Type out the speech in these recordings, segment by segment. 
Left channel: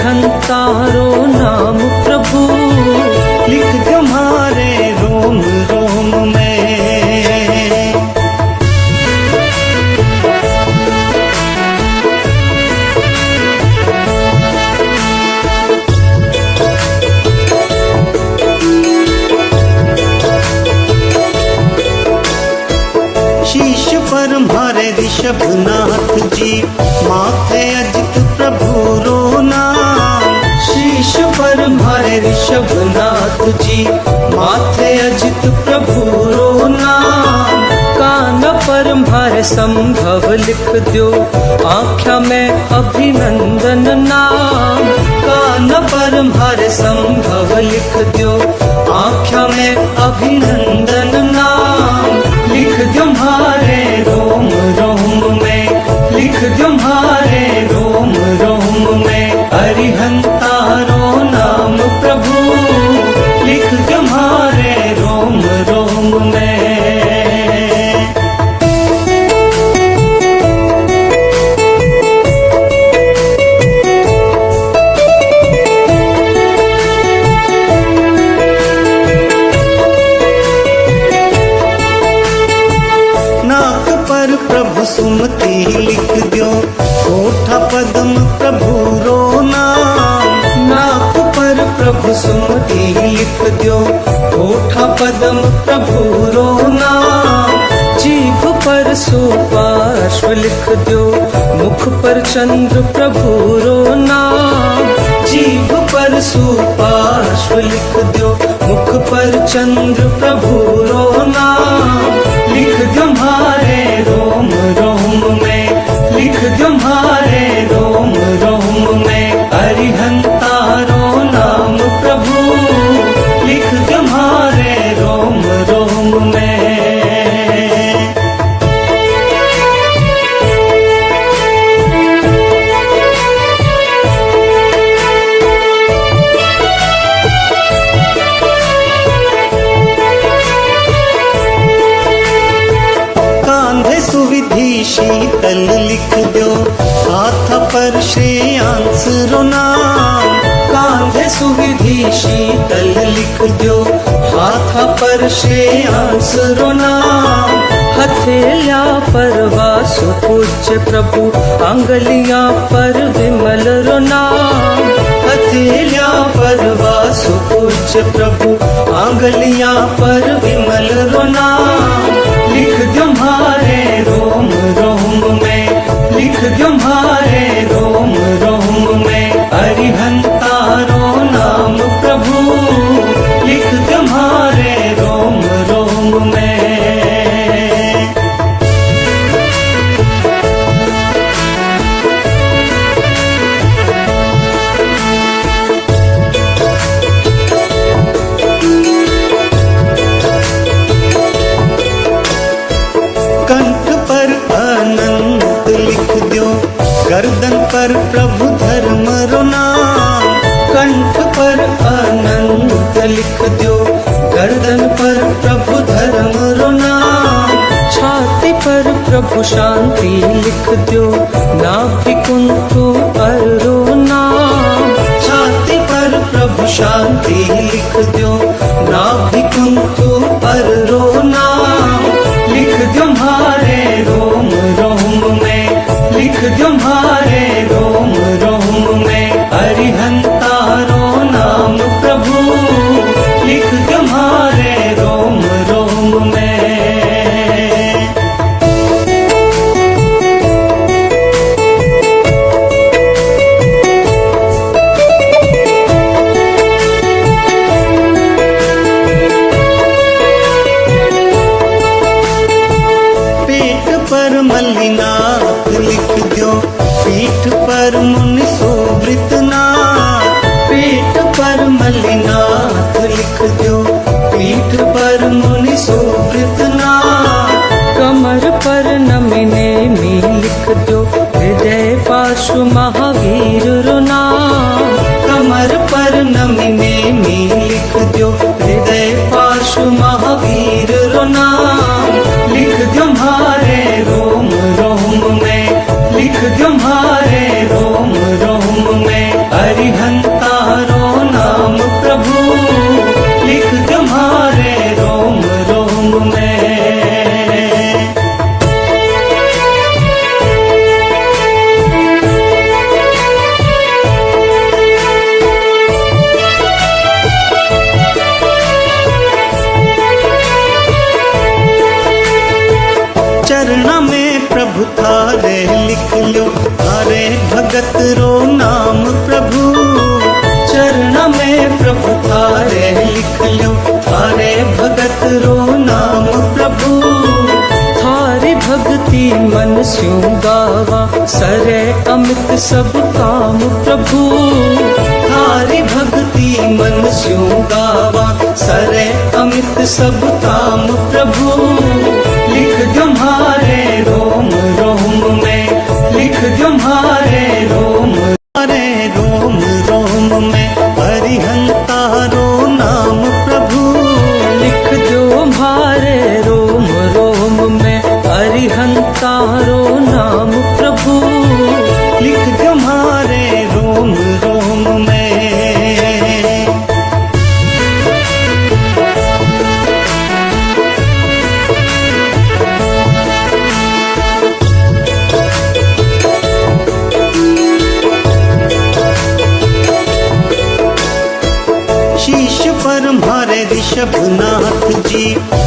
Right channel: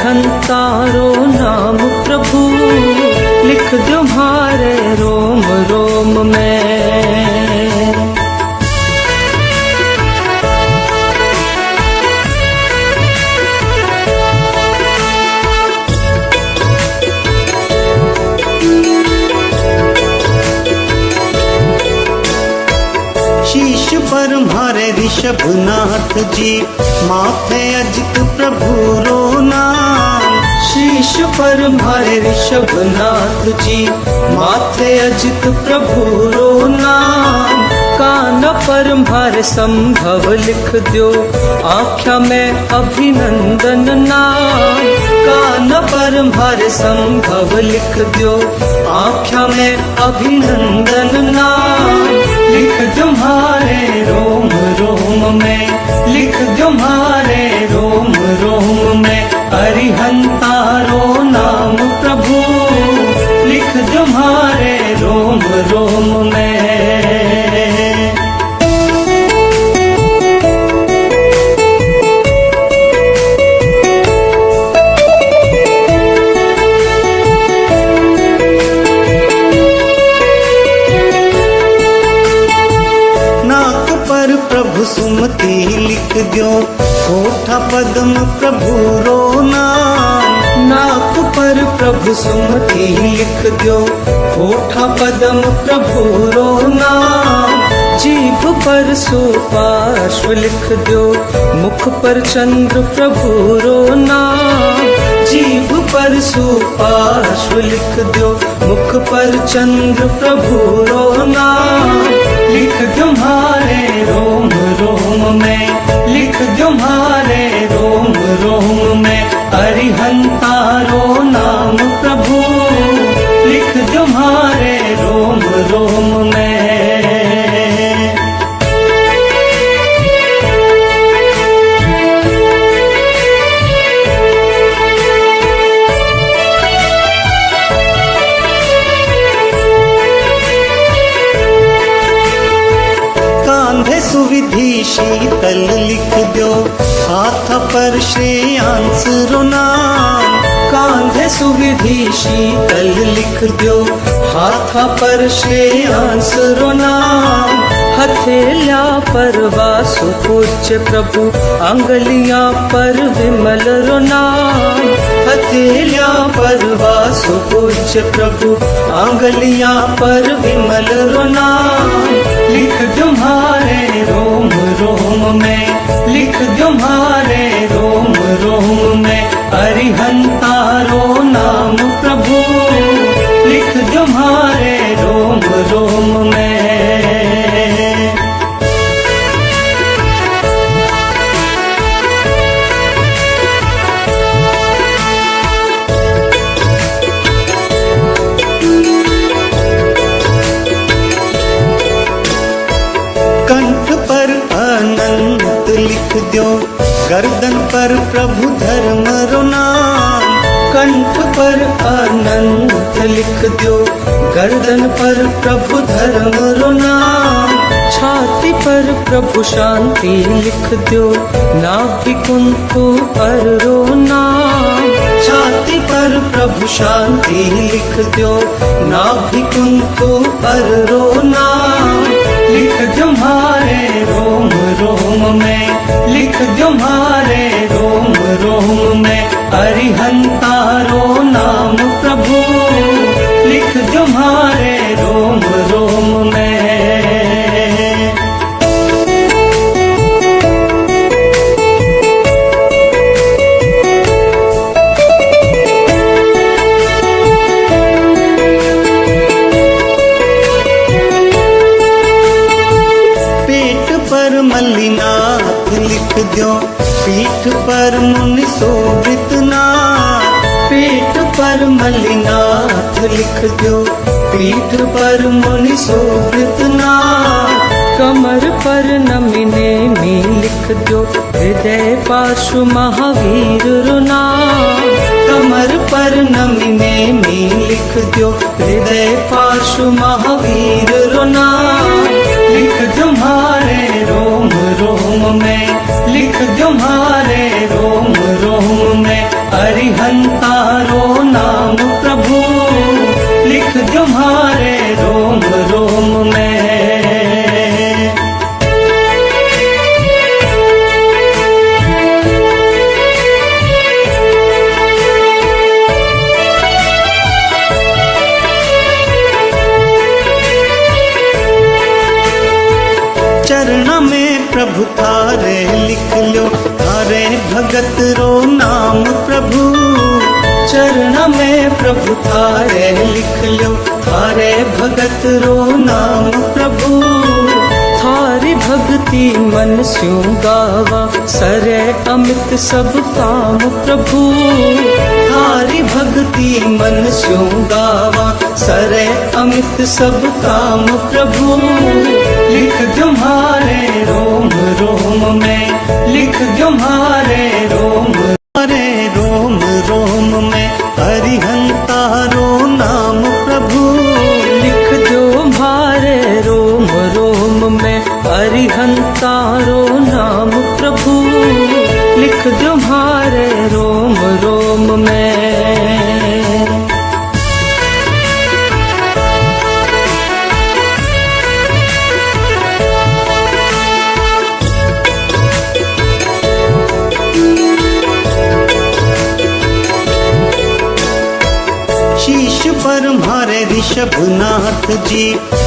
अरिहंतारो नाम प्रभु, लिख दो हमारे रोम रोम में। शीश पर मारे ऋषभनाथ जी, माथे अजित प्रभु रो नाम। शीश पर मारे ऋषभनाथ जी, माथे अजित प्रभु रो नाम। कान पर मारे संभव लिख दो, आँख्या में अभिनंदन नाम। कान पर मारे संभव लिख दो, आँख्या में अभिनंदन नाम। लिख दो हमारे रोम रोम में, लिख दो हमारे रोम रोम में। अरिहंतारो नाम प्रभु, लिख दो हमारे रोम रोम में। पर प्रभु सुमति लिख दो, कोठा पद्म प्रभु रो नाम। नाक पर प्रभु सुमति लिख दो, कोठा पद्म प्रभु रो नाम। जीभ पर सुपार्श्व लिख दो, मुख पर चंद्र प्रभु रो नाम। जीभ पर सुपार्श्व लिख दो, मुख पर चंद्र प्रभु रो नाम। लिख दो हमारे रोम रोम में, लिख दो हमारे रोम रोम में। अरिहंतारो नाम प्रभु, लिख दो हमारे रोम रोम में। कांधे सुविधि शीतल लिख दो, हाथ पर श्रेयांस रो नाम। कांधे सुविधि शीतल लिख दो, हाथ पर श्रेयांस रो नाम। हथेलिया पर वासु पूज्य प्रभु, अंगलियां पर विमल रो नाम। हथेलिया पर वासु पूज्य प्रभु, अंगलियां पर विमल रो नाम। लिख दो हमारे रोम रोम में, लिख दो हमारे रोम रोम में। अरिहंतारो नाम प्रभु, लिख दो हमारे रोम रोम में। कंठ पर अनंत लिख दो, गर्दन पर प्रभु धर्म रो नाम। कंठ पर अनंत लिख दो, गर्दन पर प्रभु धर्म रो नाम। छाती पर प्रभु शांति लिख दो, नाभि कुंठु पर रो नाम। छाती पर प्रभु शांति लिख दो, नाभि कुंठु पर रो नाम। लिख दो हमारे रोम रोम में, लिख दो हमारे रोम रोम में। अरिहंतारो नाम प्रभु, लिख दो हमारे रोम रोम में। पर मल्लिनाथ लिख दो, पीठ पर मुनि सुवृत नाथ। पीठ पर मल्लिनाथ लिख दो, पीठ पर मुनि सुवृत नाथ। कमर पर नमिने में लिख दो, हृदय पाशु महावीर रो नाम। कमर पर नमिने में लिख दो, हृदय पाशु महावीर रो नाम। लिख दो हमारे रोम रोम में, लिख दो हमारे रोम रोम में। अरिहंतारो चरणा में प्रभु थारे लिख लो, थारे भगत रो नाम प्रभु। चरणा में प्रभु थारे लिख लो, थारे भगत रो नाम प्रभु। थारी भक्ति मन स्यों गावा, सरे अमित सब काम प्रभु। थारी भक्ति मन स्यों गावा, सरे अमित सब काम प्रभु। लिख दो म्हारे रोम रोम में, लिख दो म्हारे रोम अरे रोम रोम में हरिहंतारो नाम प्रभु। लिख दो म्हारे रोम रोम में हरिहंतारो नाम प्रभु। लिख दो म्हारे रोम रोम में। शीश पर म्हारे ऋषभनाथ जी,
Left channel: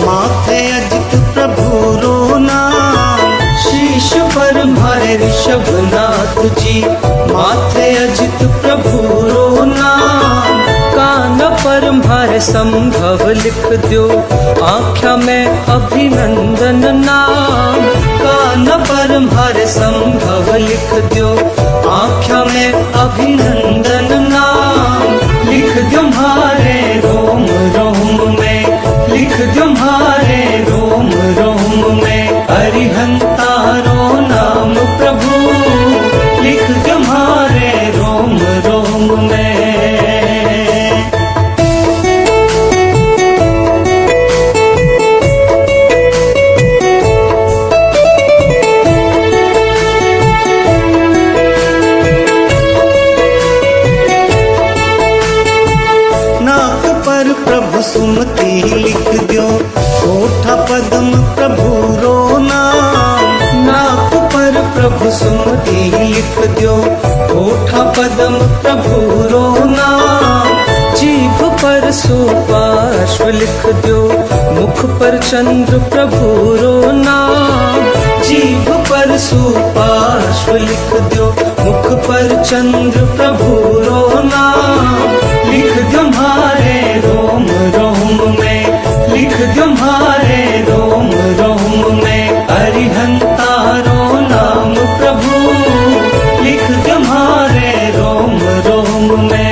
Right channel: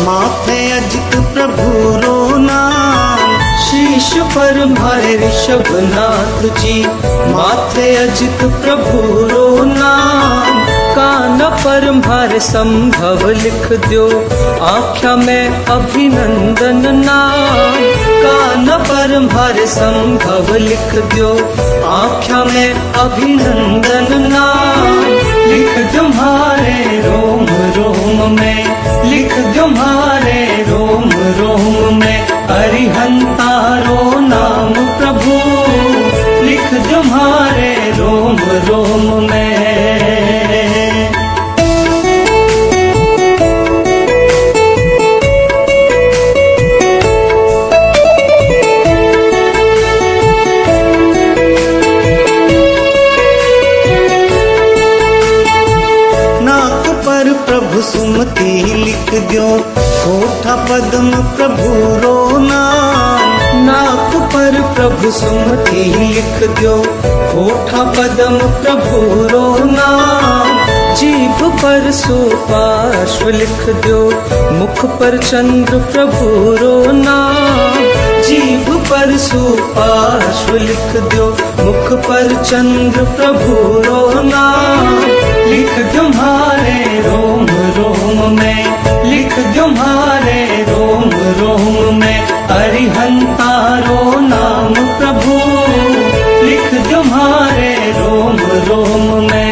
माथे अजित प्रभु रो नाम। शीश पर म्हारे ऋषभनाथ जी, माथे अजित प्रभु रो नाम। कान पर म्हारे संभव लिख दो, आँख्या में अभिनंदन नाम। कान पर म्हारे संभव लिख दो, आँख्या में अभिनंदन नाम। लिख दो म्हारे रोम रोम में, लिख दो म्हारे रोम रोम में हरिहंतारो नाम प्रभु। लिख दो म्हारे रोम रोम में। नाक पर प्रभु सुमति लिख दो, कोठा पद्म प्रभु रो नाम। नाक पर प्रभु सुमति लिख दो, कोठा पद्म प्रभु रो नाम। जीभ पर सुपार्श्व लिख दो, मुख पर चंद्र प्रभु रो नाम। जीभ पर सुपार्श्व लिख दो, मुख पर चंद्र प्रभु रो नाम। लिख दो म्हारे रोम रोम में, लिख दो म्हारे रोम रोम में हरिहंतारो नाम प्रभु। लिख दो म्हारे रोम रोम में।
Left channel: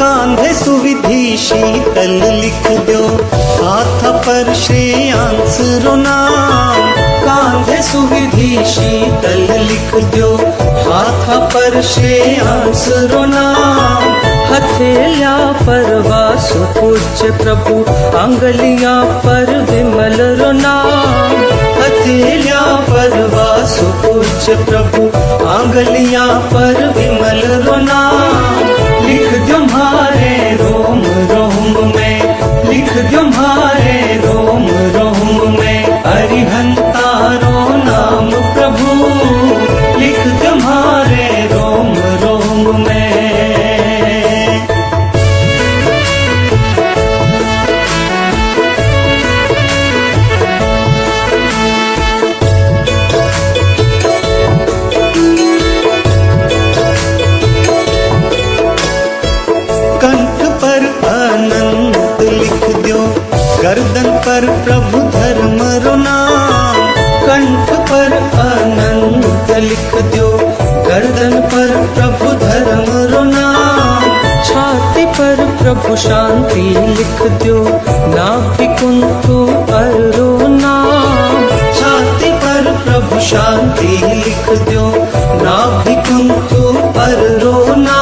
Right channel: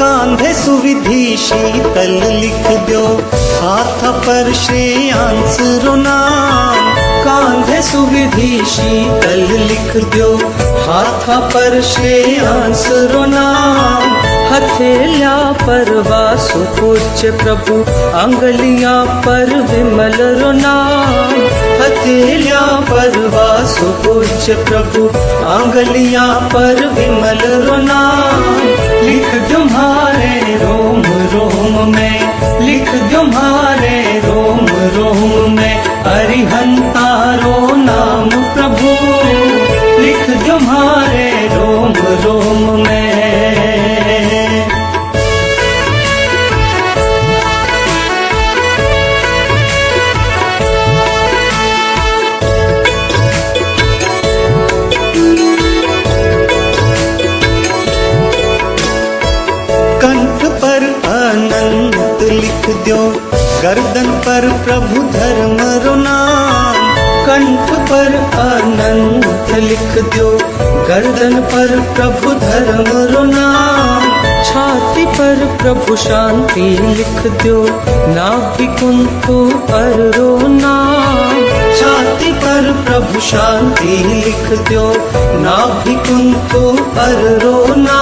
कांधे सुविधि शीतल लिख दो, हाथ पर श्रेयांस रो नाम। कांधे सुविधि शीतल लिख दो, हाथ पर श्रेयांस रो नाम। हथेलिया पर वासु पूज्य प्रभु, अंगलियां पर विमल रो नाम। हथेलिया पर वासु पूज्य प्रभु, अंगलियां पर विमल रो नाम। लिख दो म्हारे रोम रोम में, लिख दो म्हारे रोम रोम में हरिहंतारो नाम प्रभु। लिख दो म्हारे रोम रोम में। कंठ पर अनंत लिख दो, गर्दन पर प्रभु धर्म रो नाम। कंठ पर अनंत लिख दो, गर्दन पर प्रभु धर्म रो नाम। छाती पर प्रभु शांति लिख दो, नाभि कुंतु पर रो नाम। छाती पर प्रभु शांति लिख दो, नाभि कुंतु पर रो नाम।